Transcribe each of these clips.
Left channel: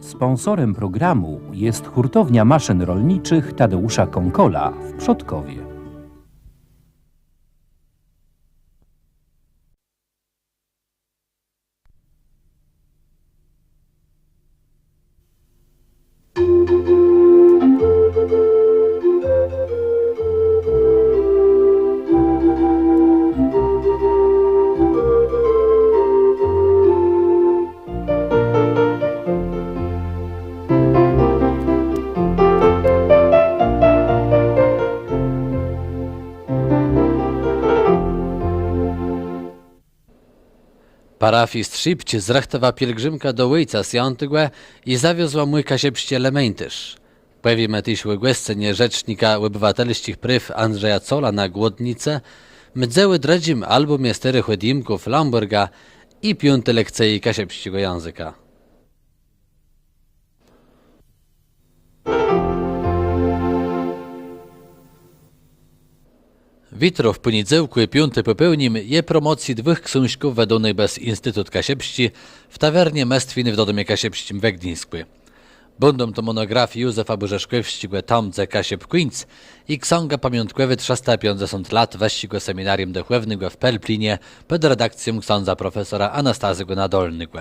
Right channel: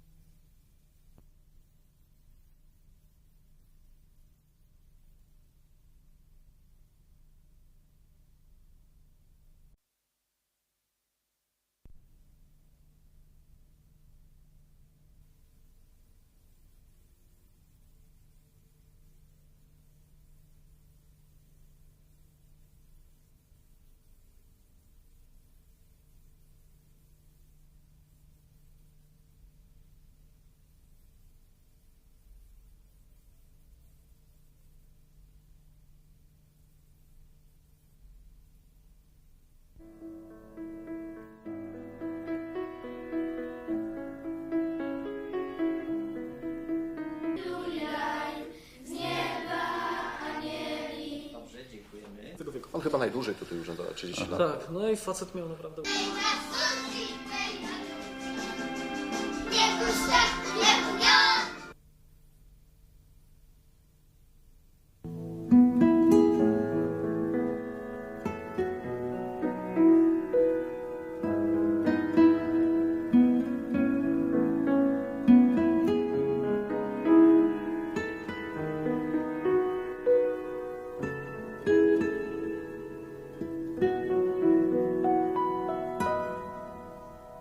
Sponsorem programu jest hurtownia maszyn rolniczych Tadeusza Konkola w Przodkowie. Parafii Strzypć zrechtowała pielgrzymka do Ojca Sjantygue i zawiozła mój kasiepście elementysz. Powiem też łegłescenie rzecznika obywatelskich pryw Andrzeja Cola na Głodnicę, mdzeły dredzim albumie sterych odimków Lamberga i piąty lekcji kasiepściego języka. W poniedziałku i piąty popełnim je promocji dwóch książków wedonych bez Instytut Kasiepści w tawernie Mestwiny w Dodomie Kasiepścim we Gdyńsku. Będą to monografii Józefa Bożeszkowskiego Tomce Kasiep Queens i książka pamiątkowa 350 lat weścigo seminarium duchownego w Pelplinie pod redakcją księdza profesora Anastazego Nadolnego.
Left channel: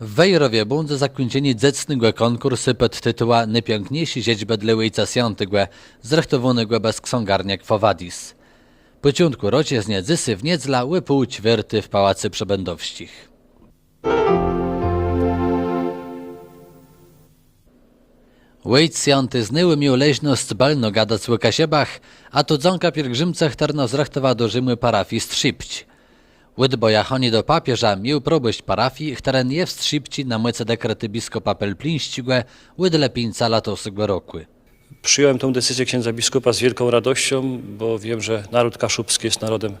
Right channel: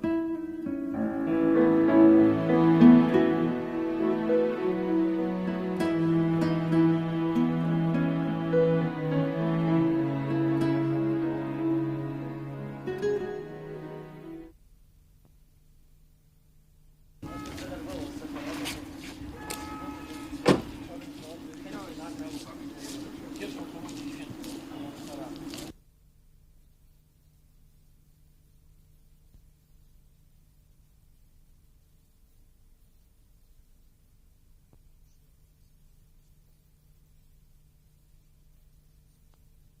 W Wejrowie będzie zakończenie dzecnego konkursu pod tytuła Najpiękniejsi siedzibę dla Ojca Świętego, zrechtowanego bez ksiągarnia Kwowadis. Początku rocie z Niedzysy w Niedzla łypał ćwierty w Pałacy Przebędowścich. Wojt Sjanty znyły miał leźność balno gadać o kasiebach, a to dzonka pielgrzymcach terno zrechtowa do Rzymu parafii Strzypć. Łydboja choni do papieża miał probość parafii, która nie w Strzypci na myce dekrety biskupa Pelplińścigłe łydle pińca latosego roku. Przyjąłem tę decyzję księdza biskupa z wielką radością, bo wiem, że naród kaszubski jest narodem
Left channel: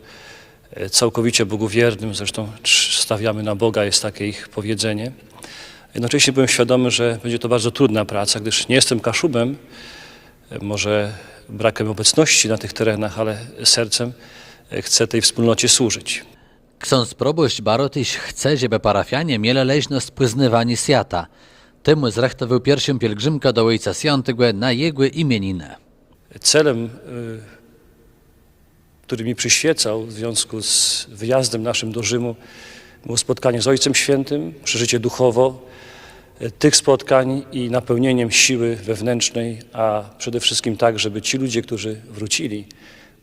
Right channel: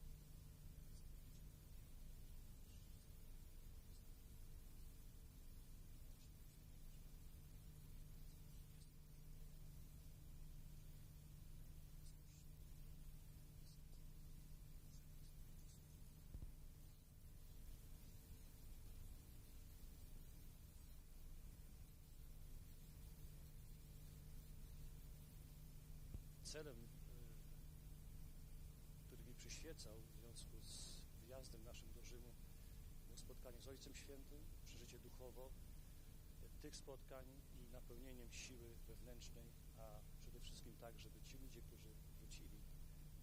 e, całkowicie bogowiernym, zresztą stawiamy na Boga, jest takie ich powiedzenie. Jednocześnie byłem świadomy, że będzie to bardzo trudna praca, gdyż nie jestem kaszubem, e, może brakiem obecności na tych terenach, ale sercem e, chcę tej wspólnocie służyć. Ksiądz proboszcz Barotyś chce, żeby parafianie mieli leźność poznywani świata. Temu zrechtował pierwszą pielgrzymkę do Ojca Świętego na jego imieninę. Celem, y, który mi przyświecał w związku z wyjazdem naszym do Rzymu, było spotkanie z Ojcem Świętym, przeżycie duchowo y, tych spotkań i napełnieniem siły wewnętrznej, a przede wszystkim tak, żeby ci ludzie, którzy wrócili,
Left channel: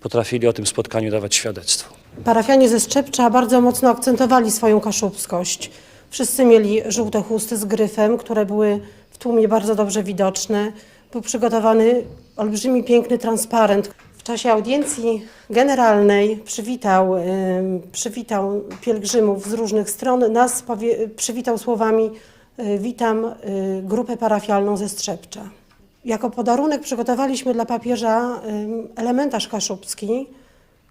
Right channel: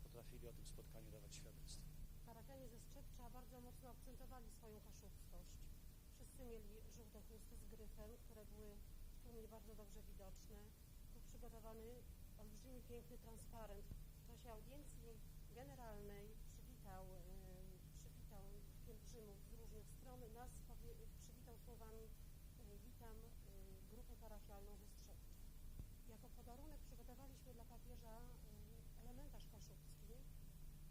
potrafili o tym spotkaniu dawać świadectwo. Parafianie ze Szczepcza bardzo mocno akcentowali swoją kaszubskość. Wszyscy mieli żółte chusty z gryfem, które były w tłumie bardzo dobrze widoczne. Był przygotowany olbrzymi, piękny transparent. W czasie audiencji generalnej przywitał, przywitał pielgrzymów z różnych stron. Nas przywitał słowami y, witam y, grupę parafialną ze Strzepcza. Jako podarunek przygotowaliśmy dla papieża elementarz kaszubski,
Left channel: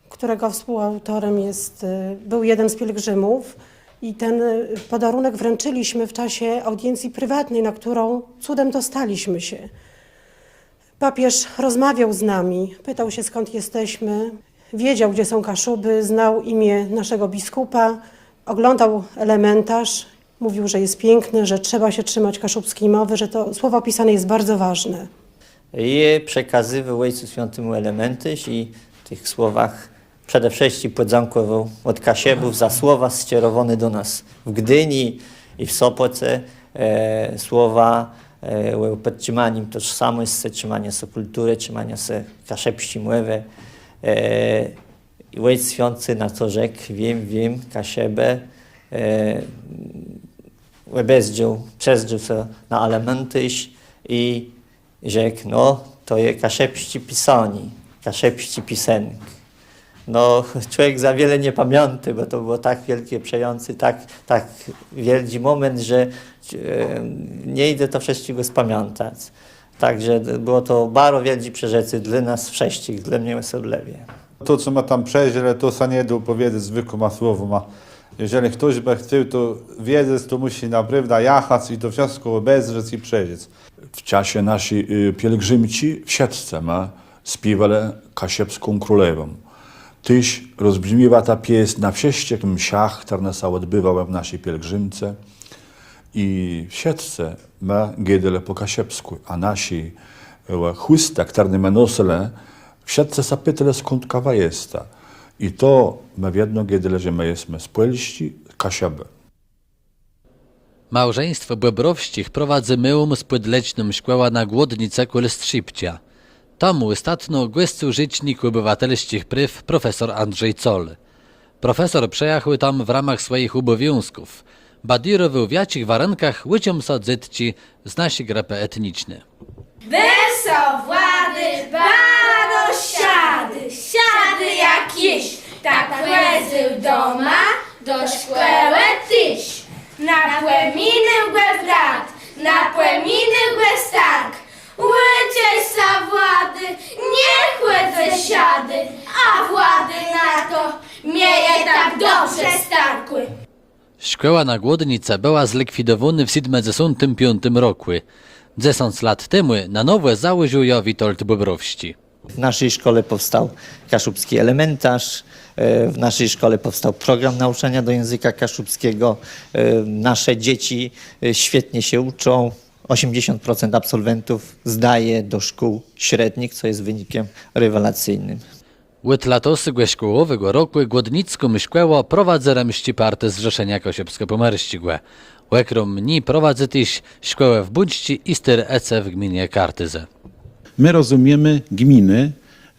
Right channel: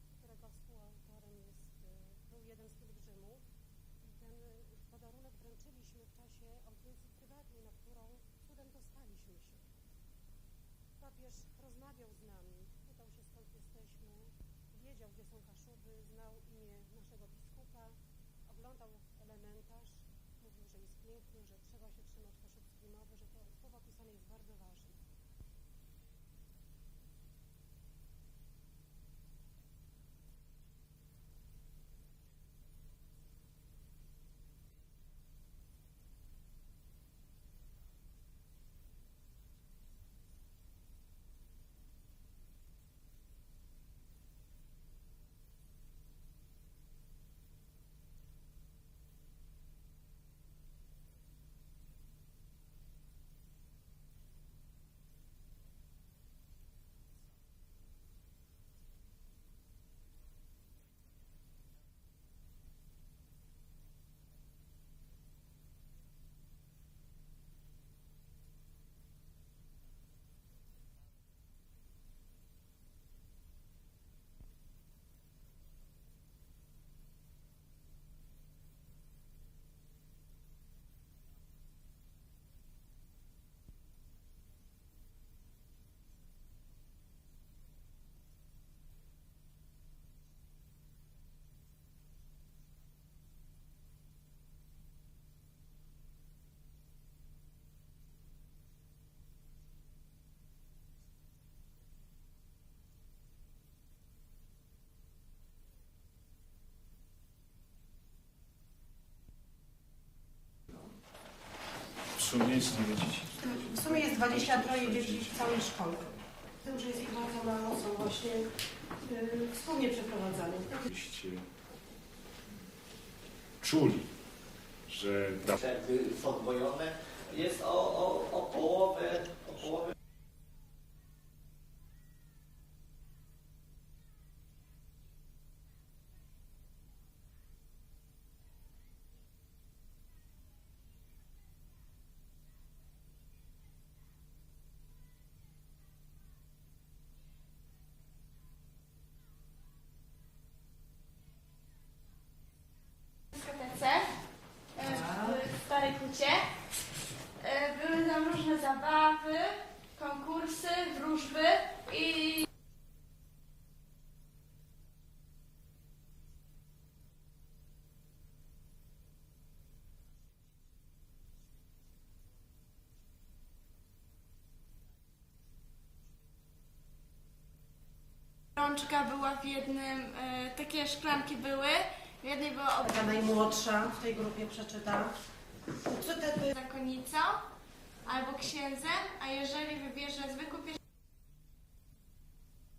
którego współautorem jest, y, był jeden z pielgrzymów i ten y, podarunek wręczyliśmy w czasie audiencji prywatnej, na którą cudem dostaliśmy się. Papież rozmawiał z nami, pytał się skąd jesteśmy, wiedział gdzie są Kaszuby, znał imię naszego biskupa, oglądał elementarz, mówił, że jest piękny, że trzeba się trzymać kaszubskiej mowy, że to słowo pisane jest bardzo ważne. je przekazywał Ojcu Świętemu elementy i w tych słowach przede wszystkim podziękował od Kasiebów za słowa skierowane do nas w Gdyni i w Sopoce. E, słowa e, podtrzymaniem tożsamości, trzymania się kultury, trzymania się kaszepści mływy. E, Ojciec Święty na to rzekł, wiem, wiem, Kasiebę, e, Łebezdział, przezdział się na elementy i rzekł, no to jest kaszepści pisani, kaszepści pisenki. No człowiek za wiele nie pamięta, bo to było tak wielkie, przejący, tak, tak wielki moment, że e, nie idę to wszystkiego spamiętać. Także było to bardzo wielki przeżycie dla nas wszystkich, dla mnie osobliwie. To, co ma tam przejść, ale to sa nie da opowiedzieć zwykłym słowom. A jeżeli ktoś by chciał to wiedzieć, to musi naprawdę jechać i to wszystko obejrzeć i przeżyć. W czasie naszej y, pielgrzymci w Siedlce ma śpiewali kasiepską królewą. Tyś rozbrzmiewa ta pieśń na wszystkich msiach, które się odbywały w naszej pielgrzymce. i w siatce ma giedele po kasiepsku, a nasi e, chłysta, które ma nosele, w siatce zapytale skąd kawa jest. I to ma jedno giedele, że my jesteśmy z kasiebę. Małżeństwo Błebrowścich prowadzi myłom z podlećnym szkoła na głodnicę Kulstrzypcia. Tomu ostatnio głęstu rzecznik obywatelskich pryw profesor Andrzej Col. Profesor przejechał tam w ramach swoich obowiązków. Badirował w warunkach łyciom sadzytci z naszej grupy etnicznej. Weso włady, baro siady, siady jakieś, tak łezy doma, do szkoły tyś. Na płeminy łez brat, na płeminy łez tak. Łycie sa włady, niech łezy siady, a włady na to mieje tak dobrze starkły. Szkoła na Głodnice była zlikwidowana w 75 roku. 10 lat temu na nowe założył ją Witold Bobrowści. W naszej szkole powstał kaszubski elementarz, e, w naszej szkole powstał program nauczania do języka kaszubskiego. E, Nasze dzieci e, świetnie się uczą. 80% absolwentów zdaje do szkół średnich, co jest wynikiem rewelacyjnym. Od latosy szkołowego roku Głodnicką szkołę prowadzę remści party Zrzeszenia Kosiewsko-Pomerścigłe. Łekrom mni prowadzę też szkołę w Budźci i styr EC w gminie Kartyze. My rozumiemy gminy,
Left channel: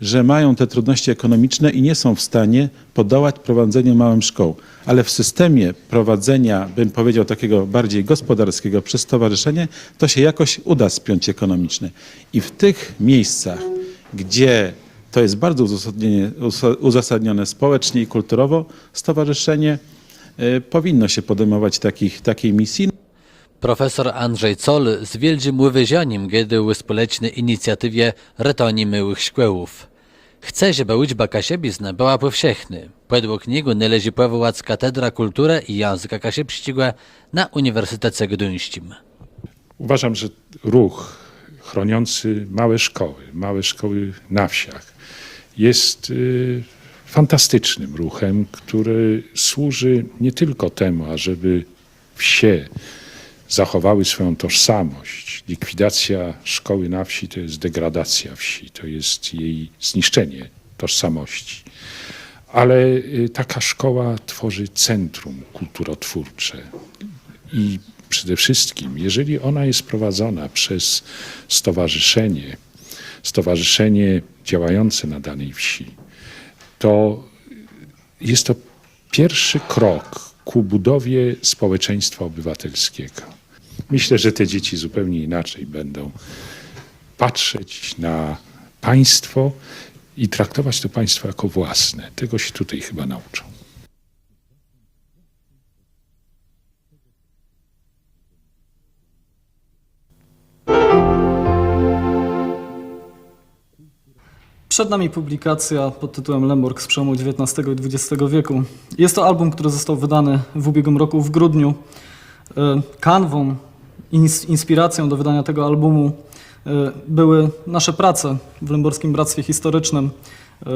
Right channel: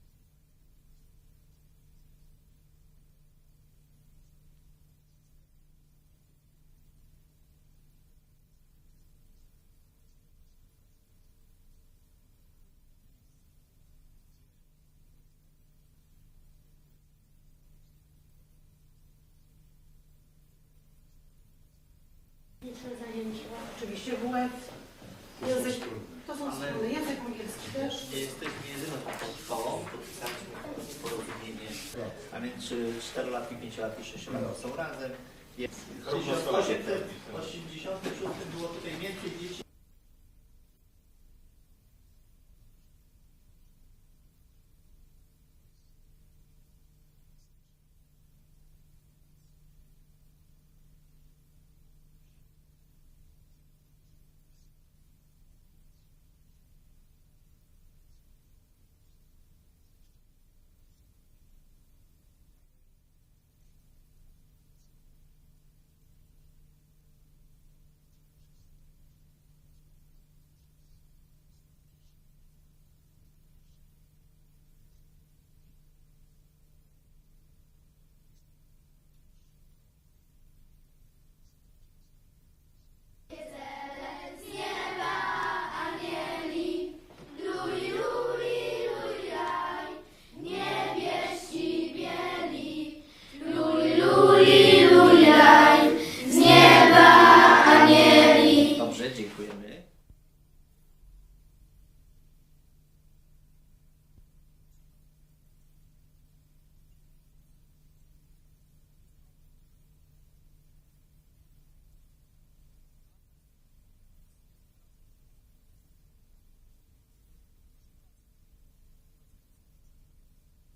że mają te trudności ekonomiczne i nie są w stanie podołać prowadzeniu małym szkoł. Ale w systemie prowadzenia, bym powiedział, takiego bardziej gospodarskiego przez stowarzyszenie, to się jakoś uda spiąć ekonomicznie. I w tych miejscach, gdzie to jest bardzo uzasadnione społecznie i kulturowo, stowarzyszenie y, powinno się podejmować takich, takiej misji. Profesor Andrzej Col z wielkim uwyzianiem giedył społecznej inicjatywie Retoni Myłych Szkółów. Chce, żeby uczba kasiebizna była powszechna. Według niego należy powołać Katedra Kultury i Języka Kasiepścigłe na Uniwersytecie Gdyńskim. Uważam, że ruch chroniący małe szkoły, małe szkoły na wsiach jest y, fantastycznym ruchem, który służy nie tylko temu, ażeby wsie zachowały swoją tożsamość. Likwidacja szkoły na wsi to jest degradacja wsi, to jest jej zniszczenie tożsamości. Ale y, taka szkoła tworzy centrum kulturotwórcze, i przede wszystkim, jeżeli ona jest prowadzona przez stowarzyszenie, stowarzyszenie działające na danej wsi, to jest to pierwszy krok ku budowie społeczeństwa obywatelskiego. Myślę, że te dzieci zupełnie inaczej będą patrzeć na państwo i traktować to państwo jako własne. Tego się tutaj chyba nauczą. Przed nami publikacja pod tytułem Lemborg z przełomu XIX i XX wieku. Jest to album, który został wydany w ubiegłym roku w grudniu. E, Kanwą, ins- inspiracją do wydania tego albumu e, były nasze prace w Lęborskim Bractwie Historycznym,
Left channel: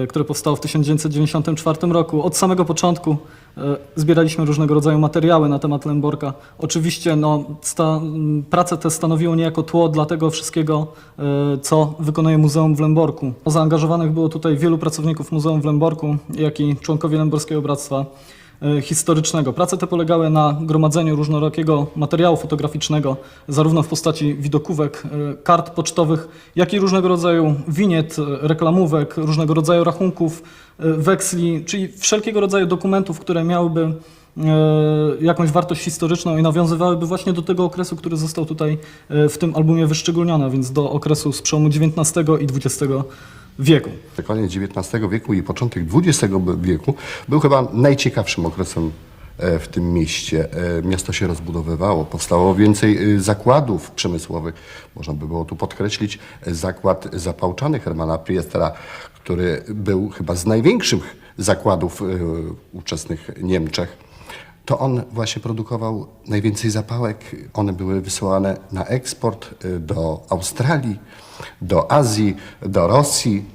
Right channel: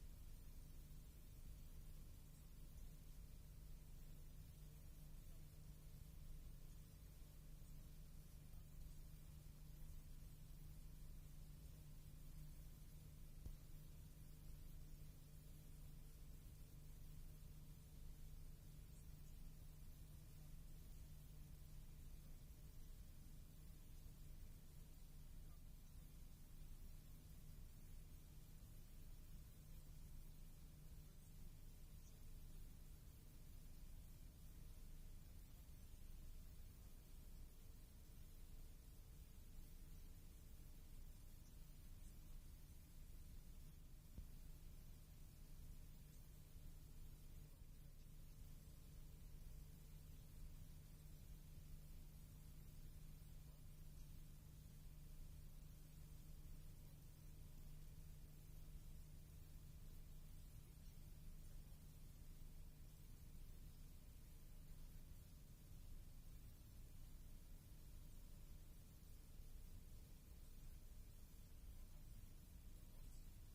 które powstało w 1994 roku. Od samego początku e, zbieraliśmy różnego rodzaju materiały na temat Lęborka. Oczywiście no, sta, prace te stanowiły niejako tło dla tego wszystkiego, e, co wykonuje Muzeum w Lęborku. Zaangażowanych było tutaj wielu pracowników Muzeum w Lęborku, jak i członkowie Lęborskiego Bractwa e, Historycznego. Prace te polegały na gromadzeniu różnorakiego materiału fotograficznego, zarówno w postaci widokówek, e, kart pocztowych, jak i różnego rodzaju winiet, e, reklamówek, różnego rodzaju rachunków, e, weksli, czyli wszelkiego rodzaju dokumentów, które miałyby e, jakąś wartość historyczną i nawiązywałyby właśnie do tego okresu, który został tutaj e, w tym albumie wyszczególniony, więc do okresu z przełomu XIX i XX wieku. Koniec XIX wieku i początek XX wieku był chyba najciekawszym okresem e, w tym mieście. E, Miasto się rozbudowywało, powstało więcej e, zakładów przemysłowych. Można by było tu podkreślić zakład zapałczany Hermana Priestera, który był chyba z największych zakładów ówczesnych Niemczech. To on właśnie produkował najwięcej zapałek. One były wysyłane na eksport y, do Australii, do Azji, do Rosji.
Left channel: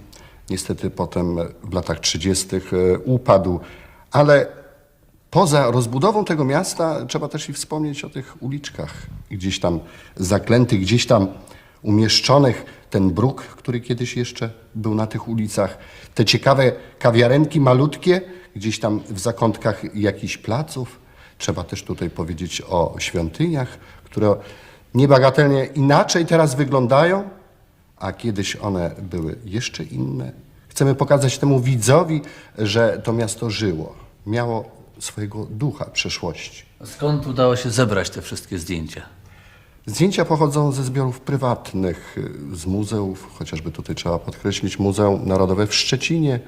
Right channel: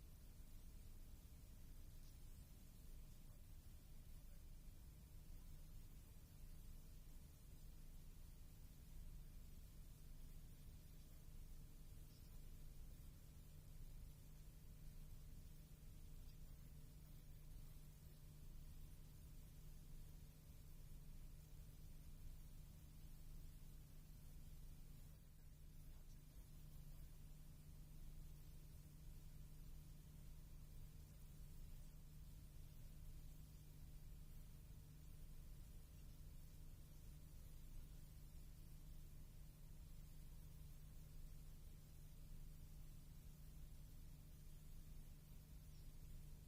Niestety potem w latach 30. y, upadł, ale Poza rozbudową tego miasta trzeba też i wspomnieć o tych uliczkach gdzieś tam zaklętych, gdzieś tam umieszczonych. Ten bruk, który kiedyś jeszcze był na tych ulicach. Te ciekawe kawiarenki malutkie, gdzieś tam w zakątkach jakichś placów. Trzeba też tutaj powiedzieć o świątyniach, które niebagatelnie inaczej teraz wyglądają, a kiedyś one były jeszcze inne. Chcemy pokazać temu widzowi, że to miasto żyło, miało swojego ducha przeszłości. Skąd udało się zebrać te wszystkie zdjęcia? Zdjęcia pochodzą ze zbiorów prywatnych, z muzeów, chociażby tutaj trzeba podkreślić Muzeum Narodowe w Szczecinie,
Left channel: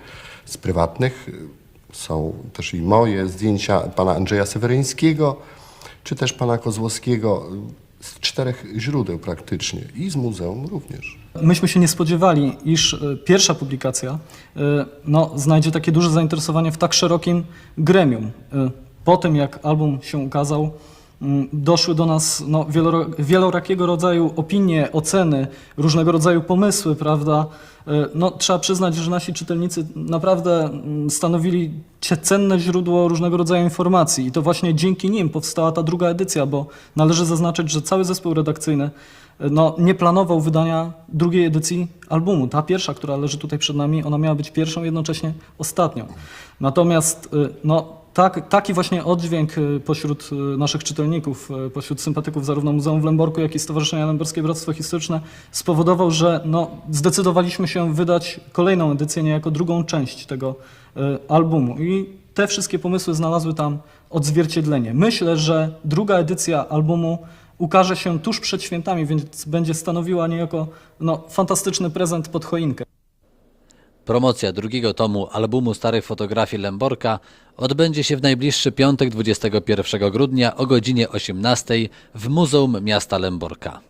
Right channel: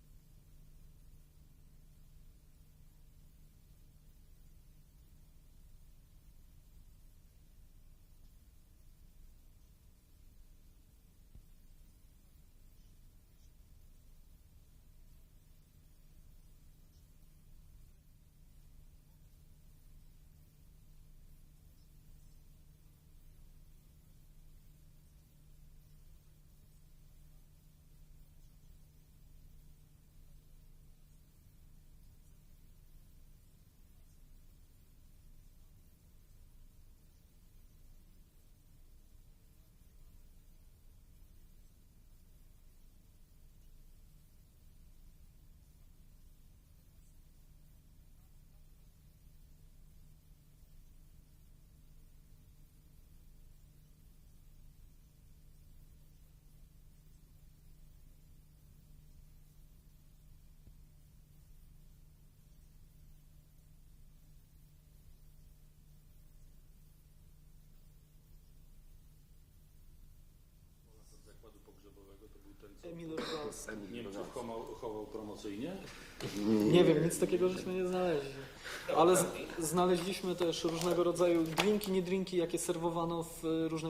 z prywatnych są też i moje zdjęcia pana Andrzeja Seweryńskiego, czy też pana Kozłowskiego, z czterech źródeł praktycznie i z muzeum również. Myśmy się nie spodziewali, iż e, pierwsza publikacja e, no, znajdzie takie duże zainteresowanie w tak szerokim gremium. E, Po tym, jak album się ukazał, doszły do nas no, wielorakiego rodzaju opinie, oceny, różnego rodzaju pomysły, prawda? E, No, trzeba przyznać, że nasi czytelnicy naprawdę mm, stanowili cenne źródło różnego rodzaju informacji i to właśnie dzięki nim powstała ta druga edycja, bo należy zaznaczyć, że cały zespół redakcyjny no, nie planował wydania drugiej edycji albumu. Ta pierwsza, która leży tutaj przed nami, ona miała być pierwszą, jednocześnie ostatnią. Natomiast y, no, tak, taki właśnie oddźwięk y, pośród y, naszych czytelników, y, pośród sympatyków zarówno Muzeum w Lęborku, jak i Stowarzyszenia Lęborskie Bractwo Historyczne spowodował, że no, zdecydowaliśmy się wydać kolejną edycję, niejako drugą część tego albumu. I te wszystkie pomysły znalazły tam odzwierciedlenie. Myślę, że druga edycja albumu ukaże się tuż przed świętami, więc będzie stanowiła niejako no, fantastyczny prezent pod choinkę. Promocja drugiego tomu albumu starych fotografii Lęborka odbędzie się w najbliższy piątek 21 grudnia o godzinie 18 w Muzeum Miasta Lęborka.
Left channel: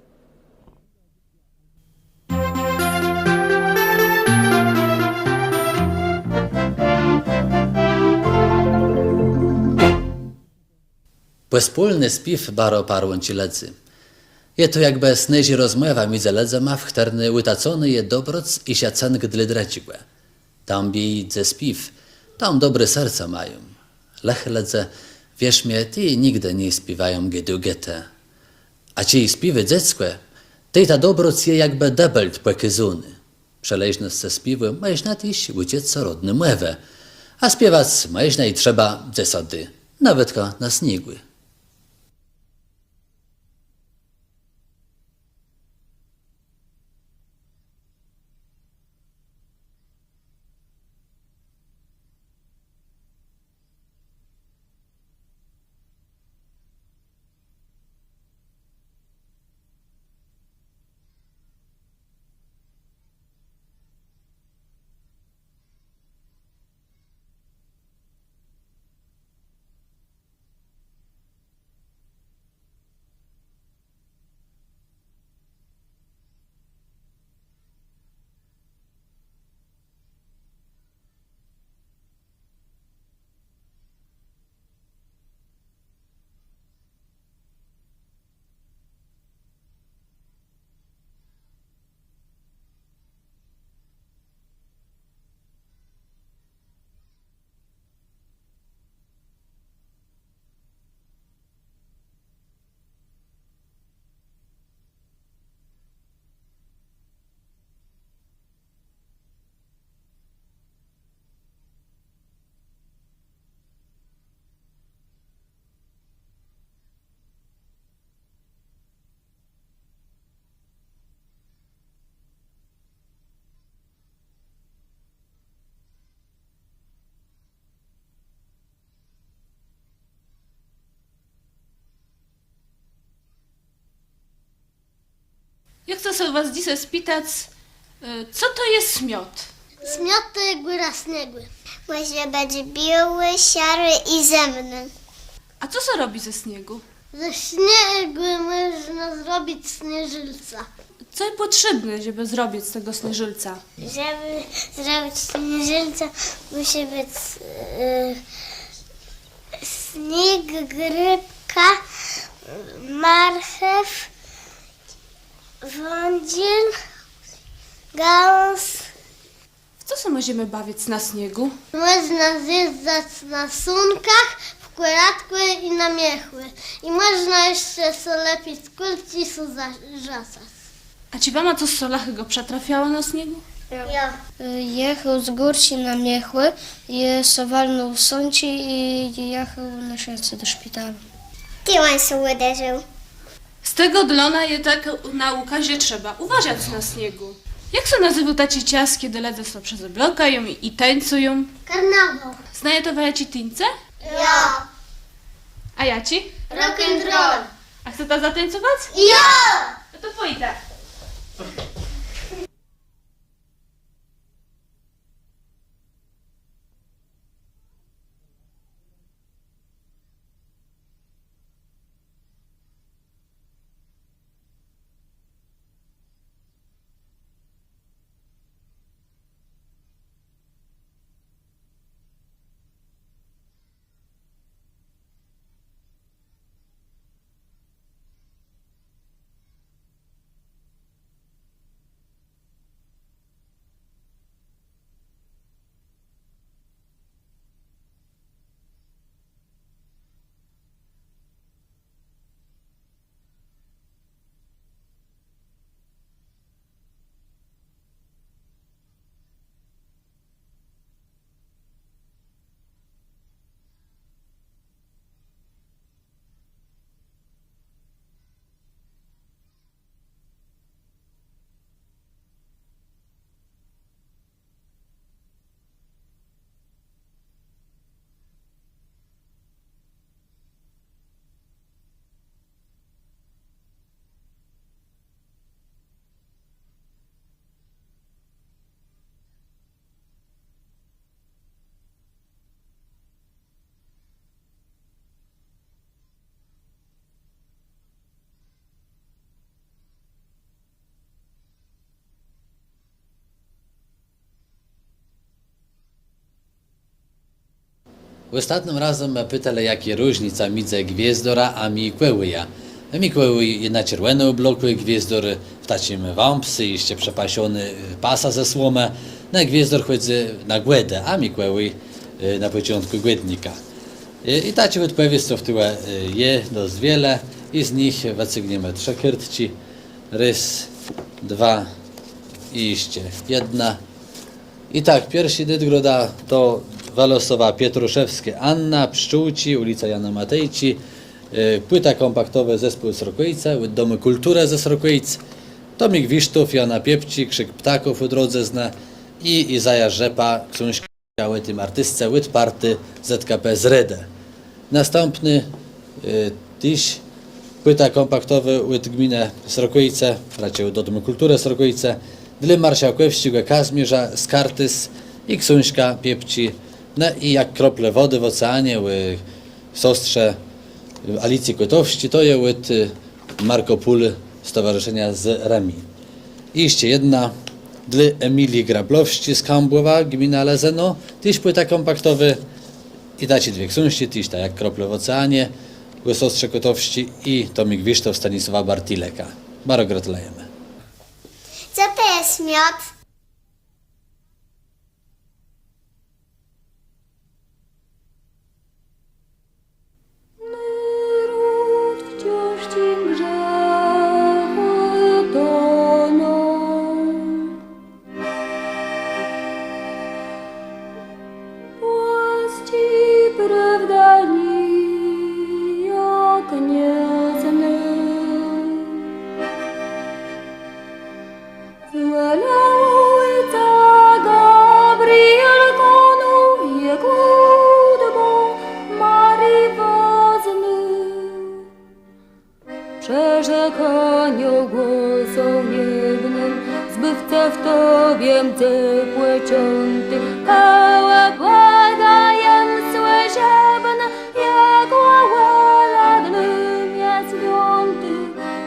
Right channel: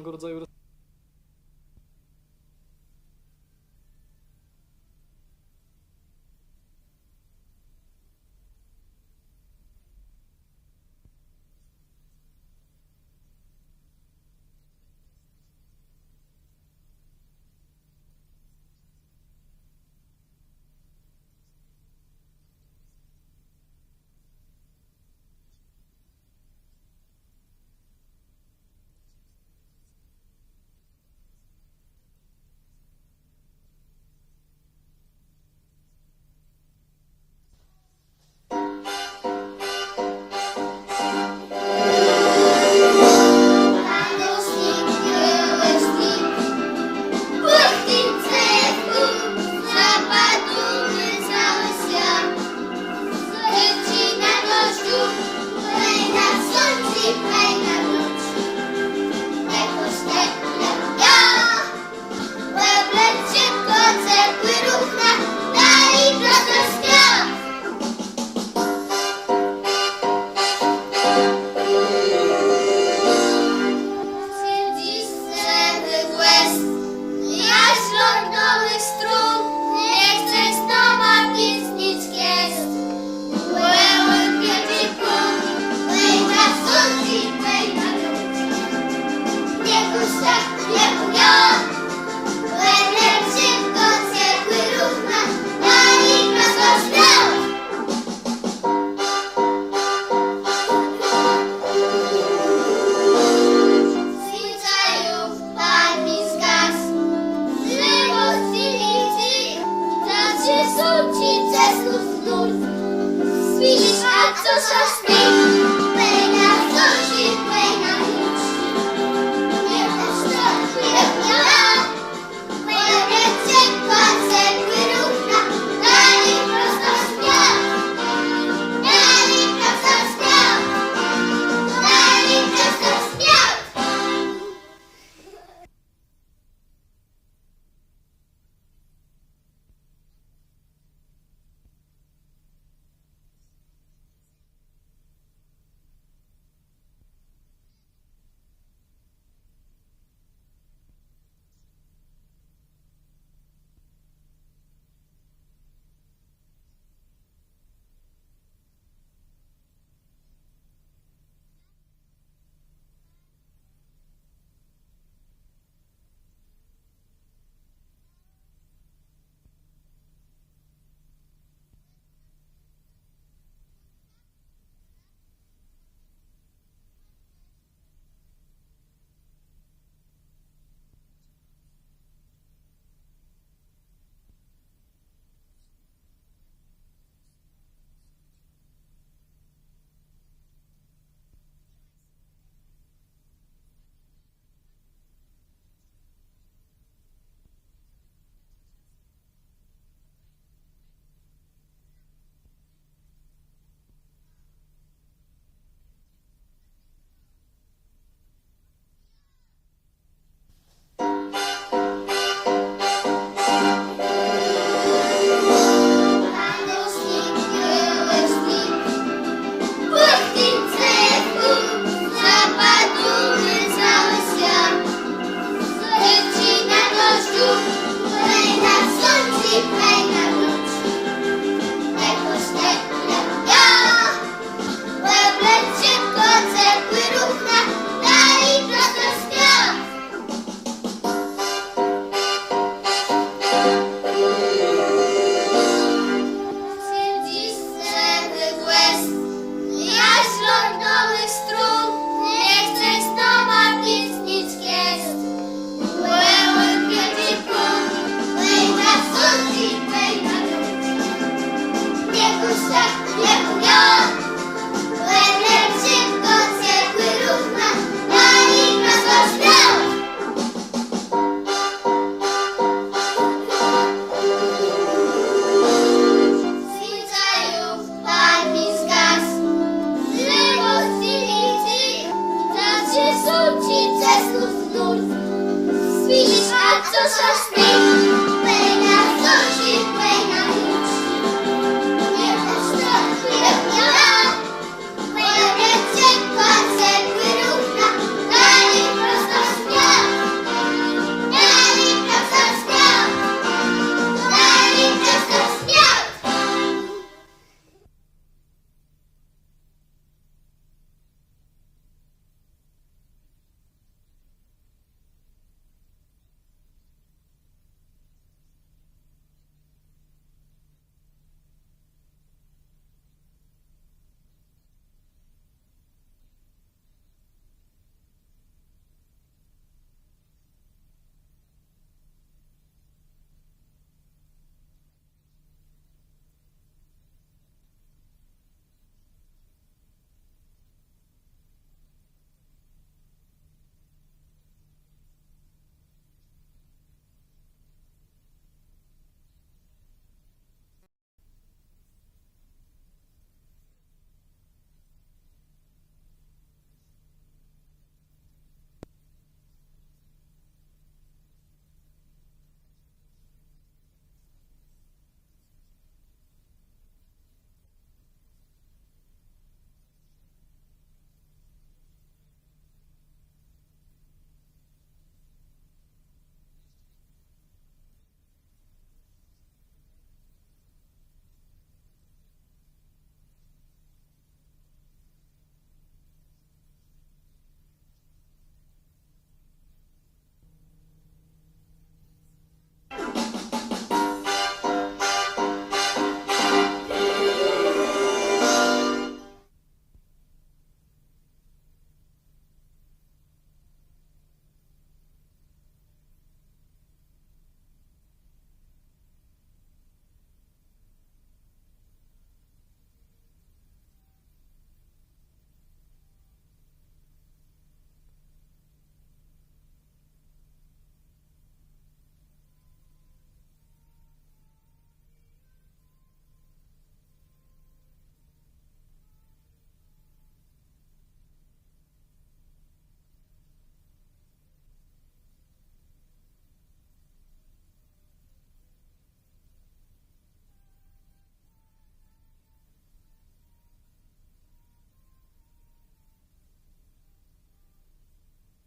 Bezpólny spiw baro parłąci ledzy. Je to jak bez neži rozmowa między ledzema, w chterny łytacony je dobroc i siacan gdly dreciłe. Tam bij ze spiw, tam dobre serca mają. Lech ledze, wierz mnie, ty nigdy nie śpiewają gedugete. A ci śpiewy dzieckie, tej ta dobroc je jakby debelt płekyzuny. Przeleźne ze śpiewy, masz na tyś uciec co rodny młewe. A śpiewać masz i trzeba zasady, nawet go na śniegu. Może będzie biały, siary i zemny. A co się robi ze śniegu? Ze śniegu można zrobić śnieżylca. Co jest potrzebne, żeby zrobić z tego śnieżylca? Żeby zrobić śnieżylca musi być yy, śnieg, grypka, marchew, wądziel, gałąz. Co się możemy bawić na śniegu? Można zjeżdżać na sunkach, w skóratły i namiechły. I można jeszcze so lepiej z kulcisu zarzasać. A ci mama co z solachy go przetrafiała na śniegu? Ja. Jechał z górsi na miechły, je sowalnął w sąci i jechał na siatce do szpitala. Tyłań się uderzył. Z tego dlona je tak na ukazie trzeba uważać na śniegu. Jak się nazywa taci cias, kiedy sobie przez oblokają i, i tańcują? Karnawał. Znaje to wajaci tyńce? Ja. A ja ci? Rock'n'roll. A chce ta zatańcować? Ja. No to pójdę. Ostatnim razem pytali, jakie różnica między gwiezdora a Mikołaja. Mikołaj na czerwono blokuje gwiezdor w takim wampsy, jeszcze przepasiony pasa ze słomę. Na gwiezdor chodzi na głedę, a Mikołaj y, na początku głednika. I, i tacie w tyle y, je dość wiele i z nich wycygniemy trzy kiertci. Rys, dwa i jeszcze jedna. I tak, pierwszy Dydgroda to Walosowa Pietruszewskie. Anna, Pszczółci, ulica Jana Matejci, y, płyta kompaktowa Zespół Srokojca, Domy Kultura ze Srokojc, Tomik Wisztów, Jana Piepci, Krzyk Ptaków u drodze zna. I Izaja Rzepa, książka tym artystce Łyt Party ZKP z Rede. Następny y, tyś płyta kompaktowa Łyt Gminę Srokojce, raczej do Domu Kultury Srokojce, dla marszałków ściga Kazmierza, Skartys i Ksuńska Piepci, no i jak krople wody w oceanie, ły sostrze Alicji Kotowści, to je łyt Marco Pul Stowarzyszenia z Remi. I jeszcze jedna dla Emilii Grablowści z Kambłowa, gmina Lezeno, tyś płyta kompaktowy i dacie dwie ksuńści, tyś tak jak krople w oceanie, ły sostrze Kotowści i Tomik Wisztow Stanisława Bartileka. Bardzo gratulujemy. Co to jest miod?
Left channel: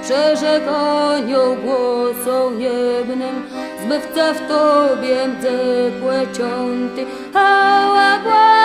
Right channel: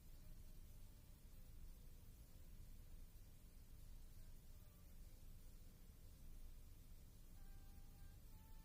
Przerzekaniu głosą niewnym, zbywca w Tobie ciepłe ciąty, Hała słyszebne,